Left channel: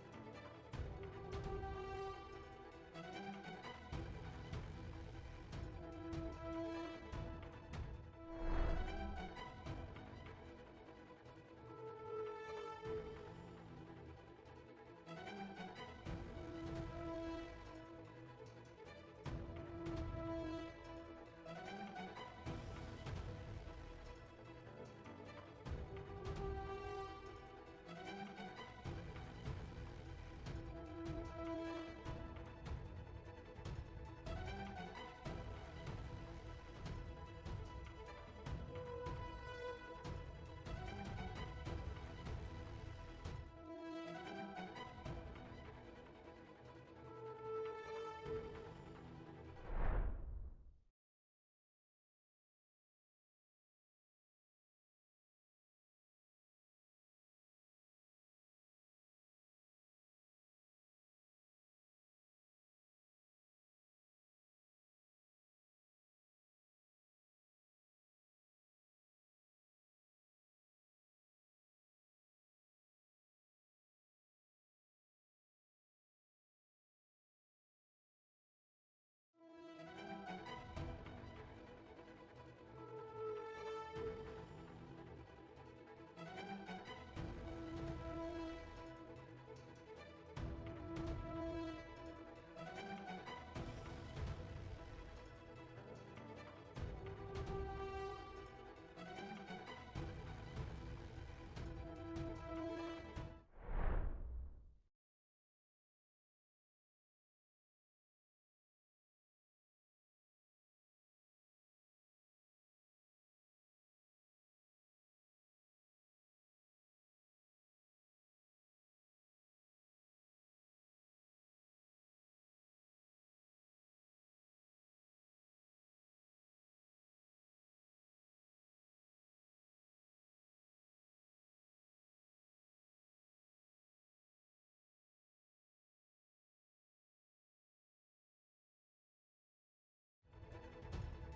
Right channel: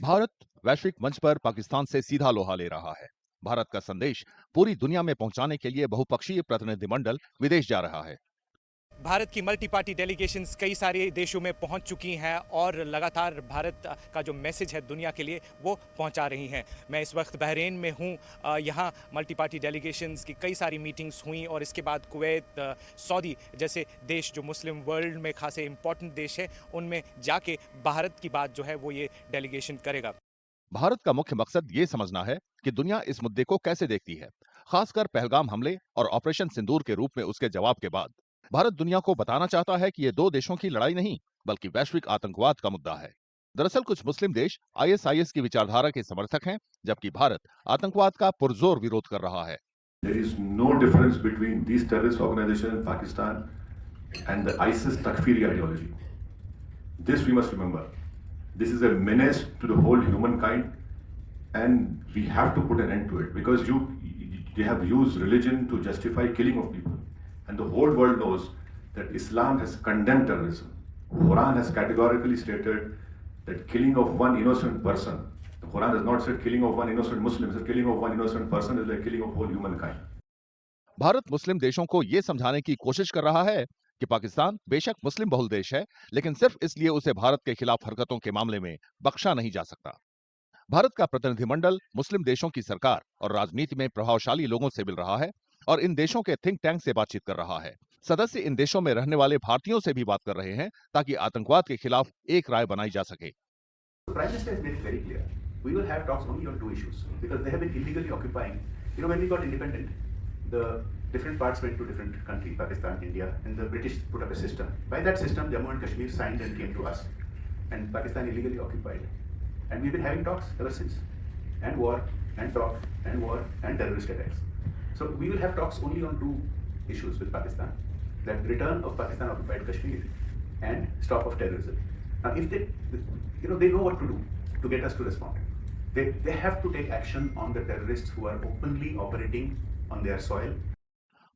भारत वैश्विक मंच पर पाकिस्तान से सीधा लोहा ले रहा है। भारत का संदेश पूरी दुनिया में पहुंचाने के लिए बहुपक्षीय प्रतिनिधिमंडल विदेश जा रहा है। भारत की मल्टी पार्टी डेलीगेशंस कई सारे देशों में पहुंच चुकी हैं और लगातार भारत का जो मैसेज है दुनिया के लिए वो पहुंचा रही हैं। मैं इस वक्त बहरीन में हूं। यहाँ मल्टी पार्टी डेलीगेशंस की कई सारी मीटिंग्स हुई और इसके बाद कुवैत, सऊदी जैसे देश जो मुस्लिम वर्ल्ड में खासे इंपॉर्टेंट देश है, उनमें जाके भारत की बात जो है वो ये डेलीगेशन करेगा। भारत का मुख्य मकसद ये समझना है कि दुनिया इस मुद्दे को कैसे देखती है, खासकर पहलगाम हमले और ऑपरेशन सिंदूर के रूप में उसके जवाब के बाद। भारत दुनिया को बताना चाहता है कि ये दो देशों की लड़ाई नहीं, बल्कि वैश्विक आतंकवाद का मुद्दा है। दरअसल कुछ मुस्लिम देश आईएसआईएस की विचारधारा के समर्थक हैं, जबकि भारत आतंकवाद का पुरजोर विरोध कर रहा है। There is no difference between these terrorist organizations in Pakistan and the ISIS Takfiri ideology. This we must remember. This is a menace to the whole humankind, and we have to put an end to it because they have used religion to justify killing of people, and the whole world knows that Islam has condemned terrorism. Quran has categorically stated that killing of one innocent person. The Quran has not said killing of one innocent Muslim. It says killing of one innocent person is like killing of whole humankind. Bharat मुस्लिम देशों को ये समझाने की कोशिश कर रहा है कि पाकिस्तान बेशक मुस्लिम बहुल देश है, लेकिन सिर्फ इसलिए उसे भारत के खिलाफ हरकतों के मामले में बख्शा नहीं जा सकता। भारत का प्रतिनिधिमंडल मुस्लिम देशों की सरकार और राजनीति में प्रभावशाली लोगों से मिल रहा है और इन देशों के थिंक टैंक से बातचीत कर रहा है। सदस्य इन देशों में रहने वाले भारतीयों से भी बात कर रहे हैं ताकि आतंकवाद के खिलाफ एक राय बनाई जा सके। The Prime Minister has made it very clear. We will have talks only on two issues because they have been illegally occupying. You know, when we got independent, the different parts went to different countries, Pakistan, India, and the British put up a system. By that system, Jammu and Kashmir signed and came to us, and Pakistan illegally occupied. And we've been having talks ever since, and war, and talk, and war, and terrorist attacks. So we will have talks only on two issues with Pakistan: that return of Pakistan occupied Kashmir and stop of terrorism. Now, if they, they know what to do to get us to respond. They have to take action on the terrorists who are openly operating on their soil.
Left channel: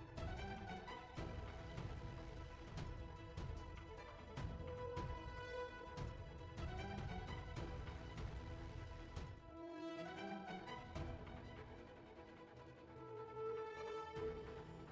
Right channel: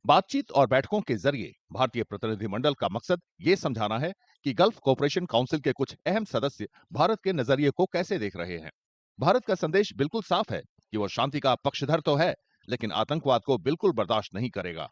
बातचीत और बैठकों के जरिए भारतीय प्रतिनिधिमंडल का मकसद ये समझाना है कि गल्फ कोऑपरेशन काउंसिल के कुछ अहम सदस्य भारत के नजरिए को कैसे देख रहे हैं। भारत का संदेश बिल्कुल साफ है कि वो शांति का पक्षधर तो है, लेकिन आतंकवाद को बिल्कुल बर्दाश्त नहीं करेगा।